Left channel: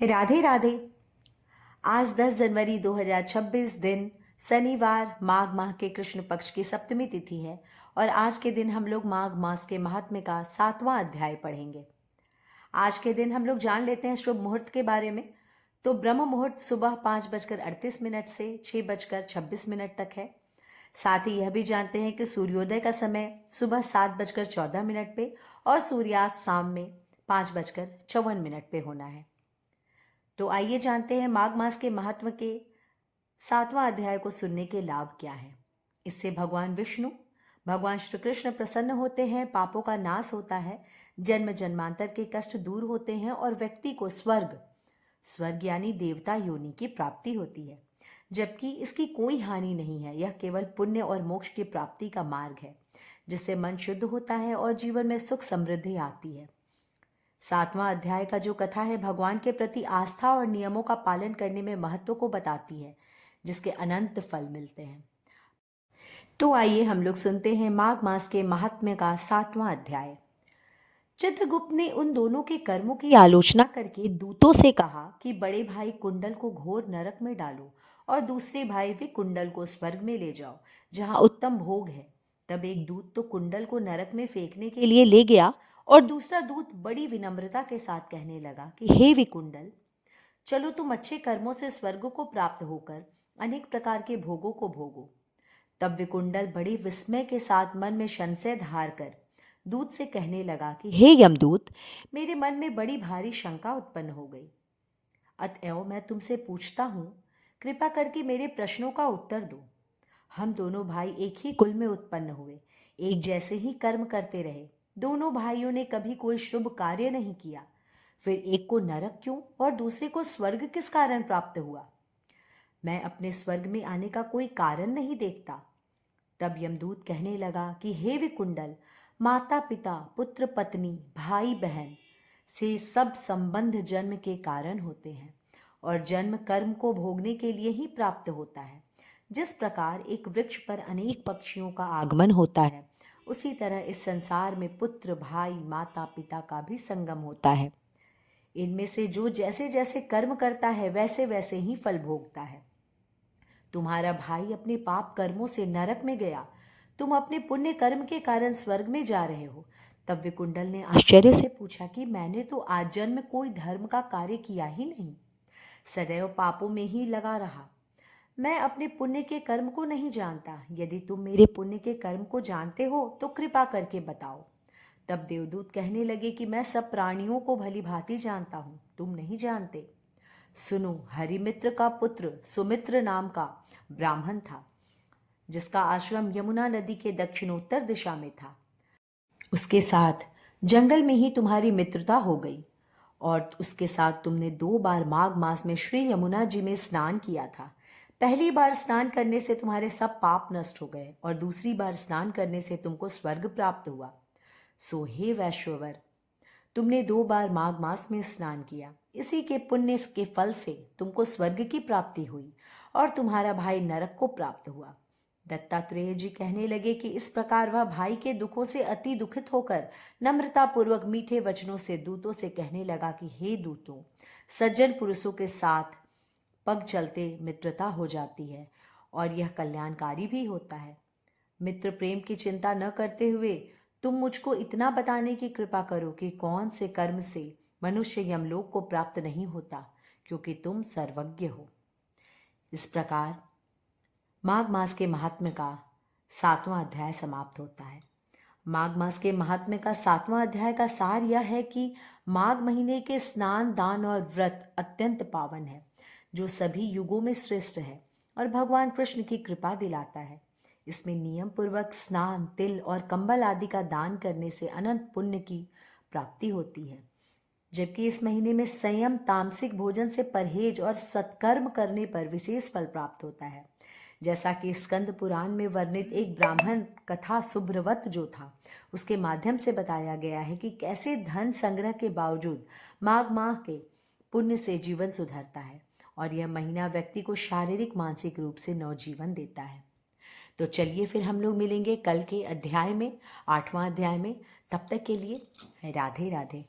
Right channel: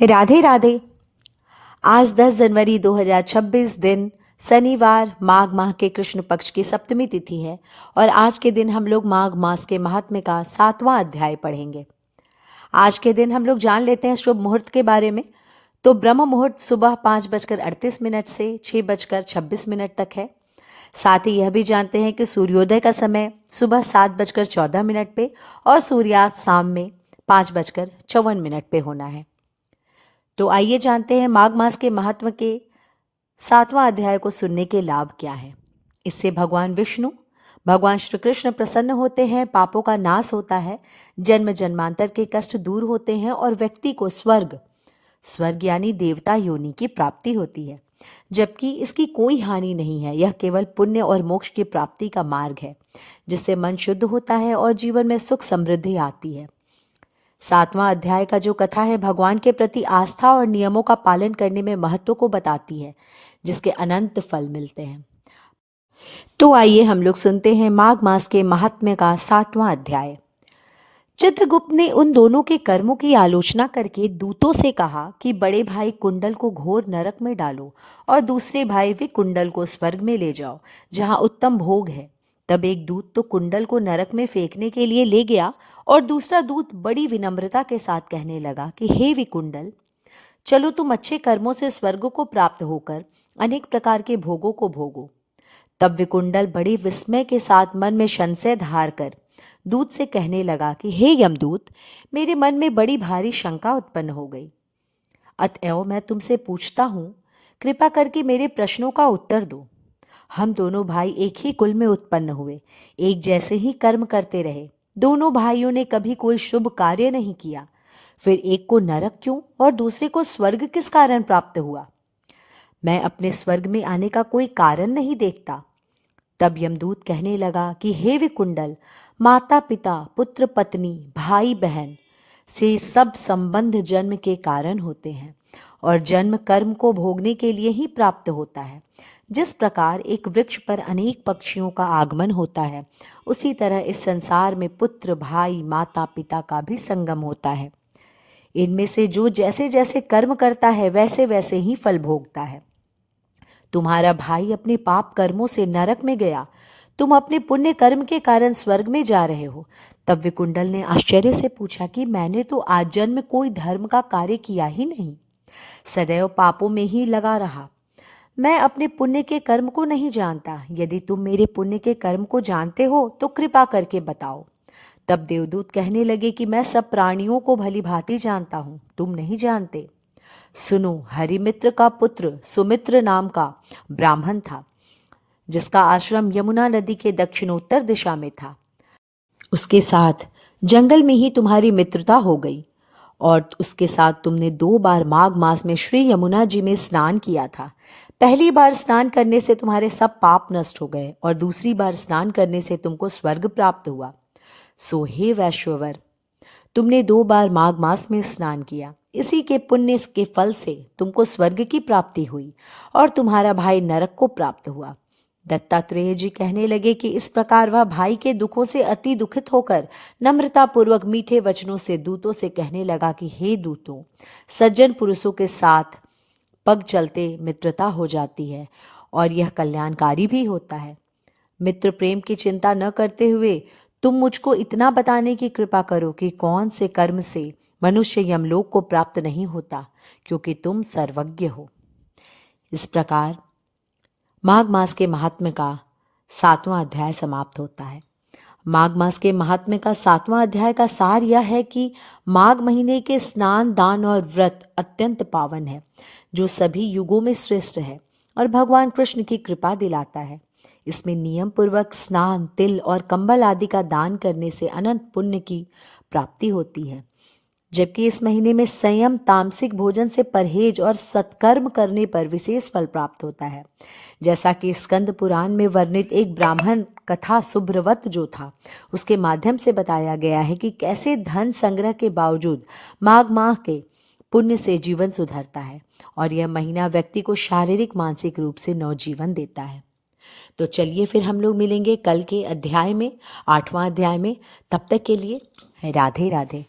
राधे राधे। आज 10 जनवरी 2026 दिन शनिवार माघ माह के कृष्ण पक्ष की सप्तमी तिथि है और आज के दिन हम लोग माघ मास के महात्म्य का 7वां अध्याय पढ़ेंगे। आज के दिन हम लोग जान लेते हैं शुभ मुहूर्त के बारे में। तो ब्रह्म मुहूर्त सुबह 5:38 से 6:26 तक है। साथ ही यह भी जानते हैं कि सूर्योदय का समय सुबह 7:14 पे और सूर्यास्त शाम में 5:54 पे होना है। तो आइए जानते हैं माघ मास के महत्व के 7वां अध्याय को सुनने के लाभ क्या है। इससे भगवान विष्णु, भगवान श्री कृष्ण प्रसन्न होते हैं, पापों का नाश होता है, जन्म जन्मांतर के कष्ट दूर होते हैं और व्यक्ति को स्वर्ग यानी देवता योनि की प्राप्ति होती है, जबकि इसकी कोई हानि नहीं है। यह केवल पुण्य और मोक्ष की प्राप्ति का मार्ग है, जिससे मन शुद्ध होता है और जीवन में सुख समृद्धि आती है। 7वां अध्याय का जो कथा है भगवान के प्रति आस्था और नियमों का पालन करने में महत्व को बताती है, जिसके अनंत फल मिलते हैं। तो आइए हम लोग सुनते हैं माघ मास के महात्म्य का 7वां अध्याय। चित्रगुप्त ने उन दोनों के कर्मों की आलोचना करके दूतों से कहा कि बड़े भाई कुंडल को घोर नरक में डालो और दूसरे भाई विकुंडल को स्वर्ग में ले जाओ, जहां उत्तम भोग है। तब एक दूत तो कुंडल को नरक में फेंकने के लिए ले गया और दूसरा दूत बड़ी विनम्रता के साथ कहने लगा कि हे विकुंडल, चलो तुम अच्छे कर्मों से स्वर्ग को प्राप्त होकर अनेक प्रकार के भोगों को भोगो। तब विकुंडल बड़े विस्मय के साथ मन में संशय धार कर दूत से कहने लगा कि हे यमदूत, मेरे मन में बड़ी भारी शंका उत्पन्न हो गई, अतएव मैं तुमसे पूछता हूँ, कृपा करके मेरे प्रश्नों का उत्तर दो। हम दोनों भाई एक ही कुल में उत्पन्न हुए, एक जैसे ही कर्म करते रहे, दोनों भाइयों ने कभी कोई शुभ कार्य नहीं किया, फिर एक को नरक क्यों और दूसरे को स्वर्ग किस कारण प्राप्त हुआ? मैं अपने स्वर्ग में आने का कोई कारण नहीं देखता। तब यमदूत कहने लगा कि हे विकुंडल, माता पिता, पुत्र पत्नी, भाई बहन से सब संबंध जन्म के कारण होते हैं और जन्म कर्म को भोगने के लिए ही प्राप्त होता है। जिस प्रकार एक वृक्ष पर अनेक पक्षियों का आगमन होता है, उसी तरह इस संसार में पुत्र, भाई, माता पिता का भी संगम होता है। इनमें से जो जैसे जैसे कर्म करता है वैसे वैसे ही फल भोगता है। तुम्हारा भाई अपने पाप कर्मों से नरक में गया, तुम अपने पुण्य कर्म के कारण स्वर्ग में जा रहे हो। तब विकुंडल ने आश्चर्य से पूछा कि मैंने तो आजन्म में कोई धर्म का कार्य किया ही नहीं, सदैव पापों में ही लगा रहा। मैं अपने पुण्य के कर्म को नहीं जानता। यदि तुम मेरे पुण्य के कर्म को जानते हो तो कृपा करके बताओ। तब देवदूत कहने लगे कि मैं सब प्राणियों को भली भांति जानता हूँ, तुम नहीं जानते। सुनो, हरिमित्र का पुत्र सुमित्र नाम का ब्राह्मण था, जिसका आश्रम यमुना नदी के दक्षिणोत्तर दिशा में था। उसके साथ जंगल में ही तुम्हारी मित्रता हो गई और उसके साथ तुमने 2 बार माघ मास में श्री यमुना जी में स्नान किया था। पहली बार स्नान करने से तुम्हारे सब पाप नष्ट हो गए और दूसरी बार स्नान करने से तुमको स्वर्ग प्राप्त हुआ। सो हे वैश्ववर, तुमने 2 बार माघ मास में स्नान किया, इसी के पुण्य के फल से तुमको स्वर्ग की प्राप्ति हुई और तुम्हारा भाई नरक को प्राप्त हुआ। दत्तात्रेय जी कहने लगे कि इस प्रकार वह भाई के दुखों से अति दुखित होकर नम्रता पूर्वक मीठे वचनों से दूतों से कहने लगा कि हे दूतों, सज्जन पुरुषों के साथ पग चलते मित्रता हो जाती है और यह कल्याणकारी भी होता है। मित्र प्रेम की चिंता न करते हुए तुम मुझको इतना बताने की कृपा करो कि कौन से कर्म से मनुष्य यमलोक को प्राप्त नहीं होता, क्योंकि तुम सर्वज्ञ हो। इस प्रकार माघ मास के महात्म्य का 7वां अध्याय समाप्त होता है। माघ मास के महात्म्य का 7वां अध्याय का सार यह है कि माघ महीने के स्नान, दान और व्रत अत्यंत पावन है, जो सभी युगों में श्रेष्ठ है और भगवान कृष्ण की कृपा दिलाता है। इसमें नियम पूर्वक स्नान, तिल और कंबल आदि का दान करने से अनंत पुण्य की प्राप्ति होती है, जबकि इस महीने में संयम, तामसिक भोजन से परहेज और सत्कर्म करने पर विशेष फल प्राप्त होता है। जैसा कि स्कंद पुराण में वर्णित एक ब्राह्मण कथा सुभ्रवत जो था, उसके माध्यम से बताया गया है कि कैसे धन संग्रह के बावजूद माघ माह के पुण्य से जीवन सुधरता है और यह महीना व्यक्ति को शारीरिक मानसिक रूप से नवजीवन देता है। तो चलिए फिर हम लोग मिलेंगे कल के अध्याय में, 8वां अध्याय में। तब तक के लिए राधे राधे।